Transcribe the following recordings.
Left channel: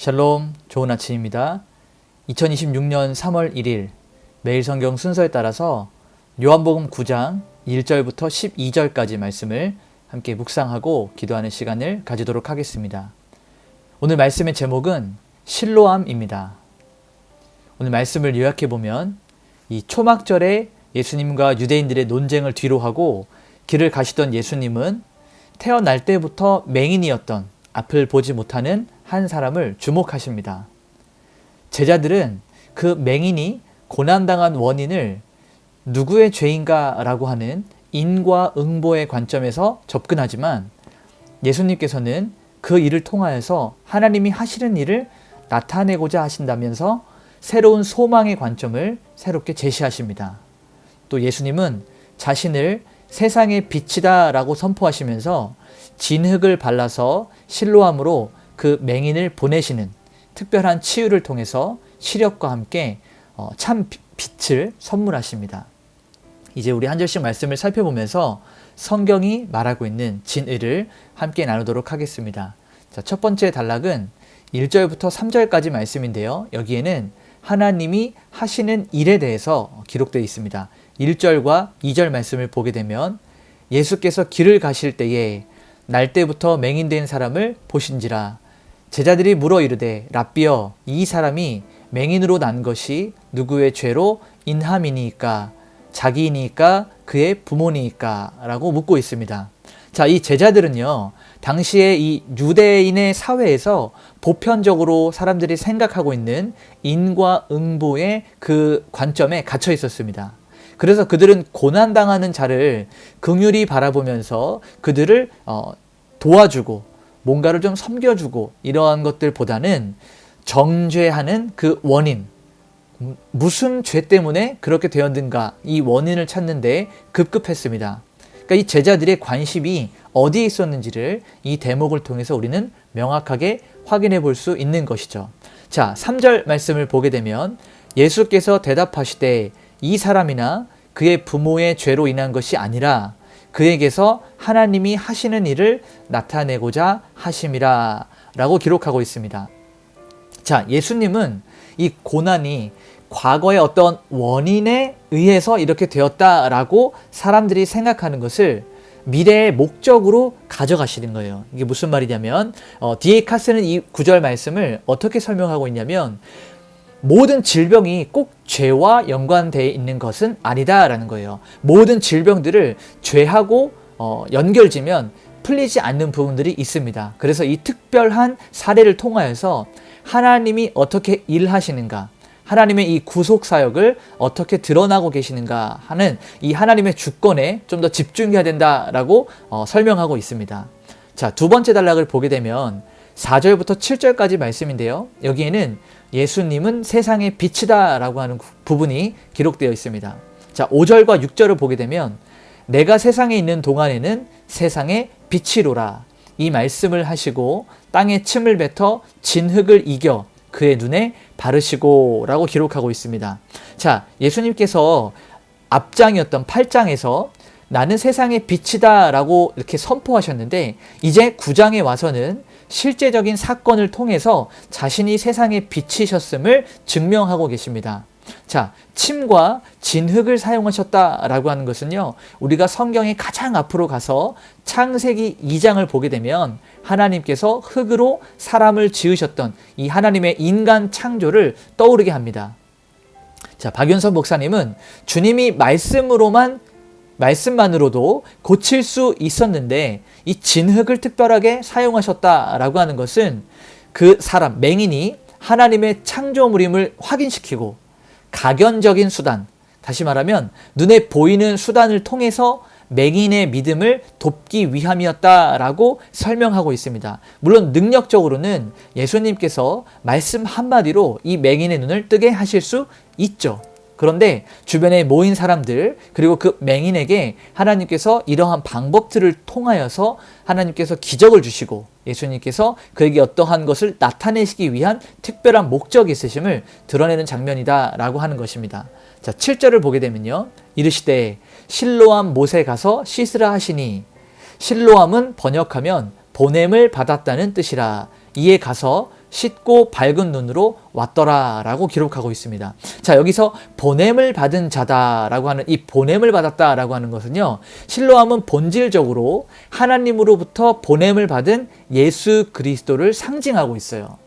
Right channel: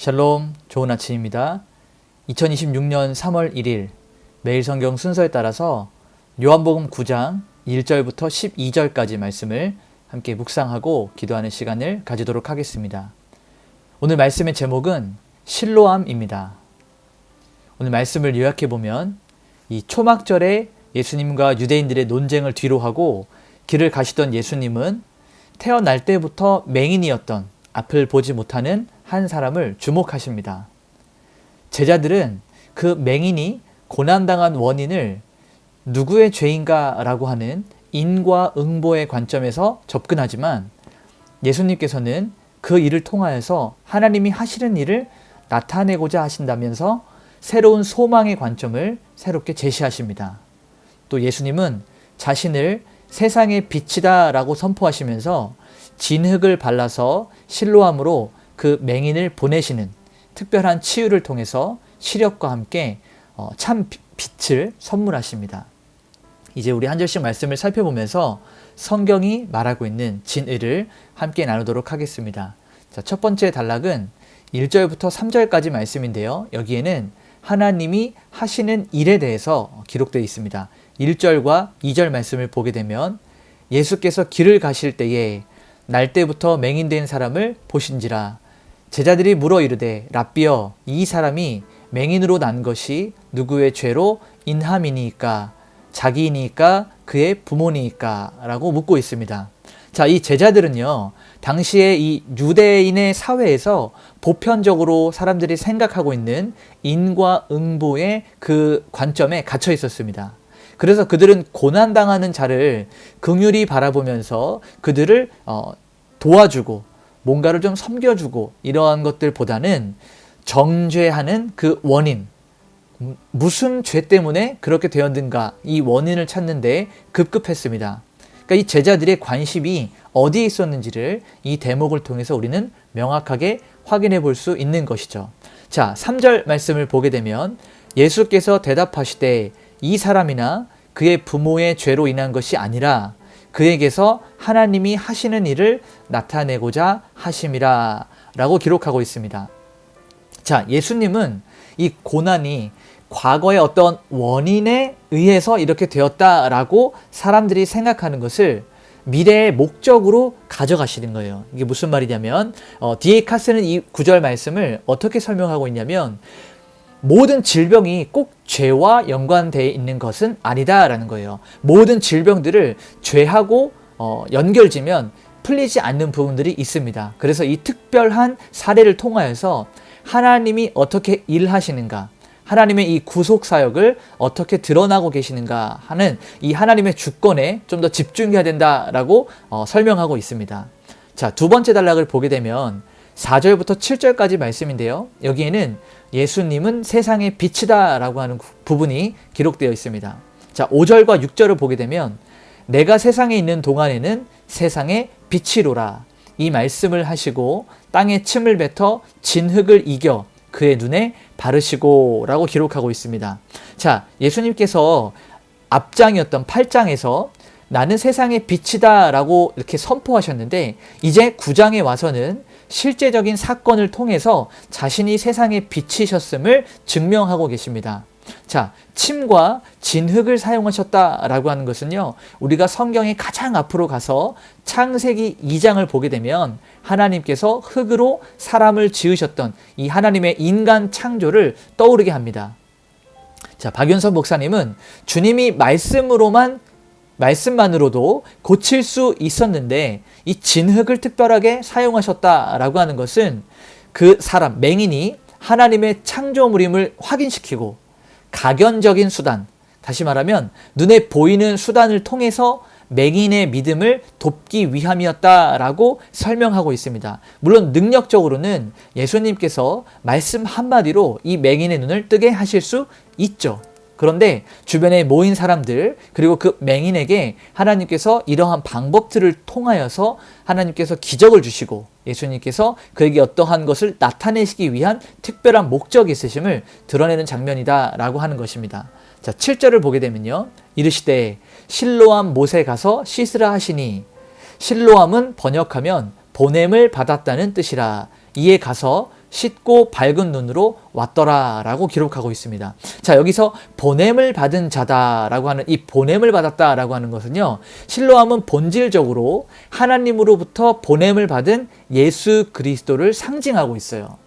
샬롬, 좋은 아침입니다. 2026년 3월 1일 매일 성경 순서에 따라서 요한복음 9장 1절부터 12절까지 말씀을 함께 묵상하고 기도하는 시간을 가지도록 하겠습니다. 오늘 말씀의 제목은 실로암입니다. 오늘 말씀을 요약해보면 이 초막절에 예수님과 유대인들의 논쟁을 뒤로하고 길을 가시던 예수님은 태어날 때부터 맹인이었던 앞을 보지 못하는 한 사람을 주목하십니다. 제자들은 그 맹인이 고난당한 원인을 누구의 죄인가 라고 하는 인과응보의 관점에서 접근하지만 예수님께서는 그 일을 통하여서 하나님이 하시는 일을 나타내고자 하신다면서 새로운 소망의 관점을 새롭게 제시하십니다. 또 예수님은 자신을 세상의 빛이다 라고 선포하시면서 진흙을 발라서 실로암으로 그 맹인을 보내시는 특별한 치유를 통해서 시력과 함께 참 빛을 선물하십니다. 이제 우리 한 절씩 말씀을 살펴보면서 성경이 말하고 있는 진의를 함께 나누도록 하겠습니다. 자, 첫 번째 단락은 1절부터 3절까지 말씀인데요. 여기에는 하나님이 하시는 일에 대해서 기록되어 있습니다. 1절과 2절 말씀을 보게 되면 예수께서 길을 가실 때에 날 때부터 맹인된 사람을 보신지라. 제자들이 물어 이르되 랍비여, 이 사람이 맹인으로 난 것이 누구의 죄로 인함이니까, 자기이니까, 그의 부모니까 라고 묻고 있습니다. 자, 이 제자들은요, 당시에 이 유대인의 사회에서 보편적으로 사람들이 생각하고 있는 인과응보의 그 관점에 갇혀 있었습니다. 그래서 그들은 고난당하는 자를 긍휼히 바라보면서 그들을 도와주고 뭔가를 좀 섬겨주고 이러한 것들보다는 정죄하는 그 원인, 무슨 죄 때문에 그렇게 되었는가, 이 원인을 찾는데 급급했습니다. 그러니까 이 제자들의 관심이 어디에 있었는지를 이 대목을 통해서 우리는 명확하게 확인해 볼 수 있는 것이죠. 자, 3절 말씀을 보게 되면 예수께서 대답하시되 이 사람이나 그의 부모의 죄로 인한 것이 아니라 그에게서 하나님이 하시는 일을 나타내고자 하심이라 라고 기록하고 있습니다. 자, 예수님은 이 고난이 과거의 어떤 원인에 의해서 이렇게 되었다라고 사람들이 생각하는 것을 미래의 목적으로 가져가시는 거예요. 이게 무슨 말이냐면 디에카스는 이 9절 말씀을 어떻게 설명하고 있냐면 모든 질병이 꼭 죄와 연관되어 있는 것은 아니다라는 거예요. 모든 질병들을 죄하고 연결지면 풀리지 않는 부분들이 있습니다. 그래서 이 특별한 사례를 통하여서 하나님이 어떻게 일하시는가, 하나님의 이 구속사역을 어떻게 드러나고 계시는가 하는 이 하나님의 주권에 좀 더 집중해야 된다라고 설명하고 있습니다. 자, 두 번째 단락을 보게 되면 4절부터 7절까지 말씀인데요. 여기에는 예수님은 세상의 빛이다 라고 하는 부분이 기록되어 있습니다. 자, 5절과 6절을 보게 되면 내가 세상에 있는 동안에는 세상의 빛이로라. 이 말씀을 하시고 땅에 침을 뱉어 진흙을 이겨 그의 눈에 바르시고 라고 기록하고 있습니다. 자, 예수님께서 앞장이었던 8장에서 나는 세상의 빛이다 라고 이렇게 선포하셨는데 이제 9장에 와서는 실제적인 사건을 통해서 자신이 세상의 빛이셨음을 증명하고 계십니다. 자, 침과 진흙을 사용하셨다라고 하는 것은요, 우리가 성경의 가장 앞으로 가서 창세기 2장을 보게 되면 하나님께서 흙으로 사람을 지으셨던 이 하나님의 인간 창조를 떠오르게 합니다. 자, 박윤선 목사님은 주님이 말씀만으로도 고칠 수 있었는데 이 진흙을 특별하게 사용하셨다라고 하는 것은 그 사람, 맹인이 하나님의 창조물임을 확인시키고 가견적인 수단, 다시 말하면 눈에 보이는 수단을 통해서 맹인의 믿음을 돕기 위함이었다라고 설명하고 있습니다. 물론 능력적으로는 예수님께서 말씀 한마디로 이 맹인의 눈을 뜨게 하실 수 있죠. 그런데 주변에 모인 사람들, 그리고 그 맹인에게 하나님께서 이러한 방법들을 통하여서 하나님께서 기적을 주시고 예수님께서 그에게 어떠한 것을 나타내시기 위한 특별한 목적이 있으심을 드러내는 장면이다 라고 하는 것입니다. 자, 7절을 보게 되면요, 이르시되 실로암 못에 가서 씻으라 하시니, 실로암은 번역하면 보냄을 받았다는 뜻이라. 이에 가서 씻고 밝은 눈으로 왔더라 라고 기록하고 있습니다. 자, 여기서 보냄을 받은 자다라고 하는 이 보냄을 받았다라고 하는 것은요, 실로암은 본질적으로 하나님으로부터 보냄을 받은 예수 그리스도를 상징하고 있어요.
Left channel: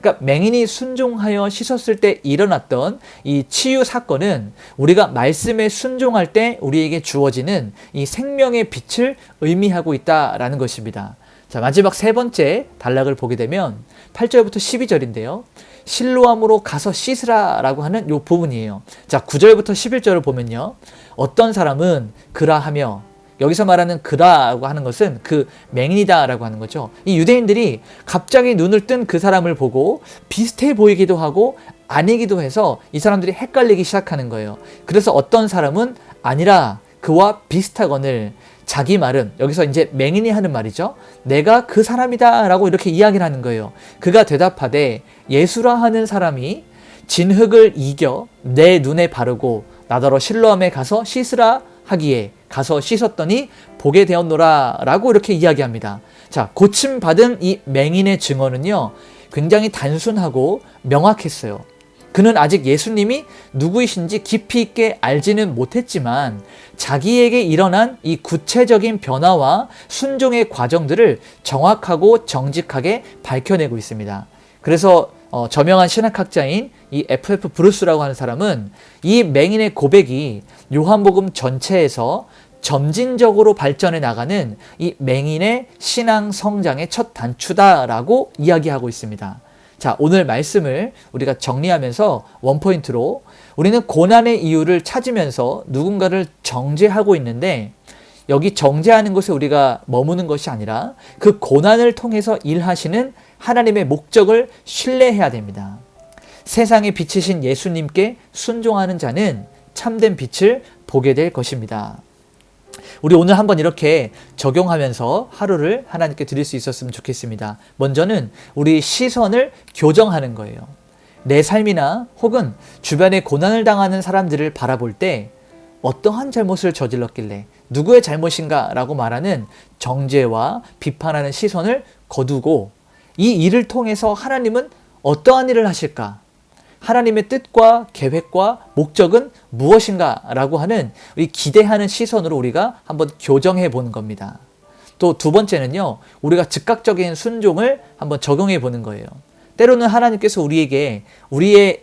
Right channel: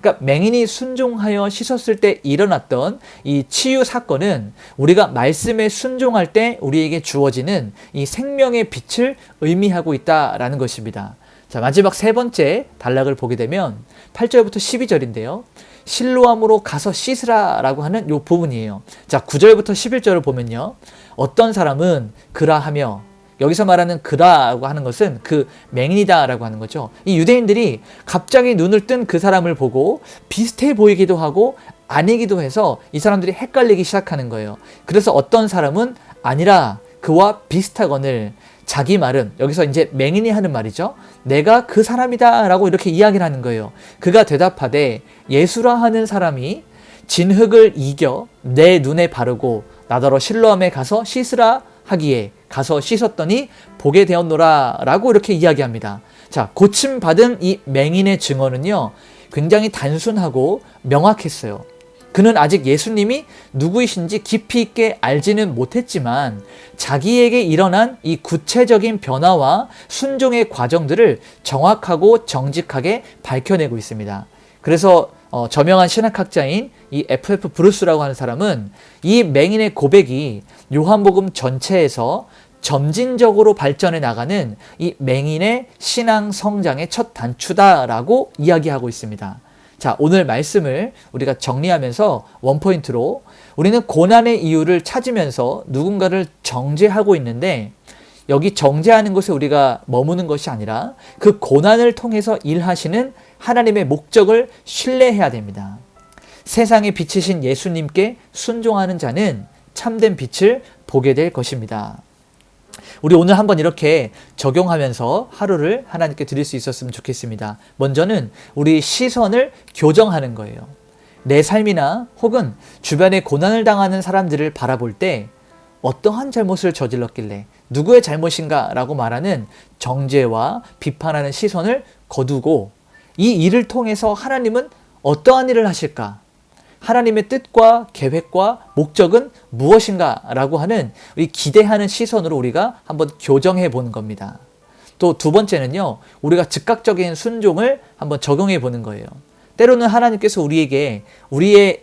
그러니까 맹인이 순종하여 씻었을 때 일어났던 이 치유 사건은 우리가 말씀에 순종할 때 우리에게 주어지는 이 생명의 빛을 의미하고 있다라는 것입니다. 자, 마지막 세 번째 단락을 보게 되면 8절부터 12절인데요. 실로암으로 가서 씻으라라고 하는 이 부분이에요. 자, 9절부터 11절을 보면요. 어떤 사람은 그라하며, 여기서 말하는 그라고 하는 것은 그 맹인이다라고 하는 거죠. 이 유대인들이 갑자기 눈을 뜬 그 사람을 보고 비슷해 보이기도 하고 아니기도 해서 이 사람들이 헷갈리기 시작하는 거예요. 그래서 어떤 사람은 아니라 그와 비슷하거늘, 자기 말은, 여기서 이제 맹인이 하는 말이죠. 내가 그 사람이다 라고 이렇게 이야기를 하는 거예요. 그가 대답하되 예수라 하는 사람이 진흙을 이겨 내 눈에 바르고 나더러 실로암에 가서 씻으라 하기에 가서 씻었더니 보게 되었노라 라고 이렇게 이야기합니다. 자, 고침받은 이 맹인의 증언은요, 굉장히 단순하고 명확했어요. 그는 아직 예수님이 누구이신지 깊이 있게 알지는 못했지만 자기에게 일어난 이 구체적인 변화와 순종의 과정들을 정확하고 정직하게 밝혀내고 있습니다. 그래서 저명한 신학학자인 이 F.F. 브루스라고 하는 사람은 이 맹인의 고백이 요한복음 전체에서 점진적으로 발전해 나가는 이 맹인의 신앙 성장의 첫 단추다라고 이야기하고 있습니다. 자, 오늘 말씀을 우리가 정리하면서 원포인트로, 우리는 고난의 이유를 찾으면서 누군가를 정죄하고 있는데, 여기 정죄하는 것에 우리가 머무는 것이 아니라 그 고난을 통해서 일하시는 하나님의 목적을 신뢰해야 됩니다. 세상에 비치신 예수님께 순종하는 자는 참된 빛을 보게 될 것입니다. 우리 오늘 한번 이렇게 적용하면서 하루를 하나님께 드릴 수 있었으면 좋겠습니다. 먼저는 우리 시선을 교정하는 거예요. 내 삶이나 혹은 주변에 고난을 당하는 사람들을 바라볼 때 어떠한 잘못을 저질렀길래 누구의 잘못인가 라고 말하는 정죄와 비판하는 시선을 거두고, 이 일을 통해서 하나님은 어떠한 일을 하실까? 하나님의 뜻과 계획과 목적은 무엇인가 라고 하는 우리 기대하는 시선으로 우리가 한번 교정해 보는 겁니다. 또 두 번째는요, 우리가 즉각적인 순종을 한번 적용해 보는 거예요. 때로는 하나님께서 우리에게 우리의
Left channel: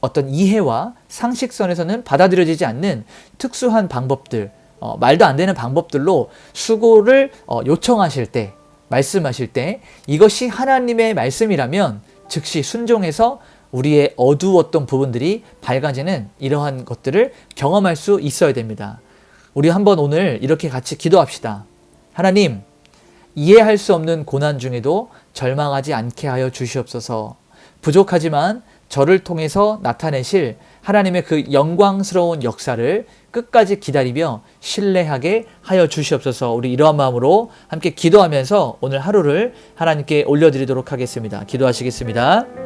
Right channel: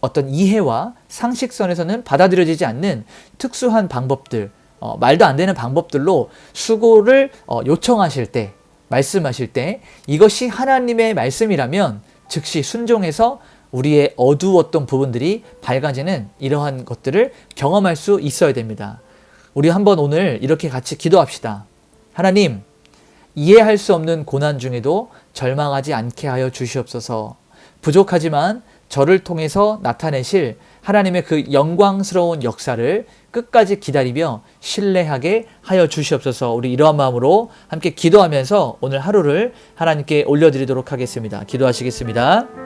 어떤 이해와 상식선에서는 받아들여지지 않는 특수한 방법들, 말도 안 되는 방법들로 수고를 요청하실 때, 말씀하실 때 이것이 하나님의 말씀이라면 즉시 순종해서 우리의 어두웠던 부분들이 밝아지는 이러한 것들을 경험할 수 있어야 됩니다. 우리 한번 오늘 이렇게 같이 기도합시다. 하나님, 이해할 수 없는 고난 중에도 절망하지 않게 하여 주시옵소서. 부족하지만 저를 통해서 나타내실 하나님의 그 영광스러운 역사를 끝까지 기다리며 신뢰하게 하여 주시옵소서. 우리 이러한 마음으로 함께 기도하면서 오늘 하루를 하나님께 올려드리도록 하겠습니다. 기도하시겠습니다.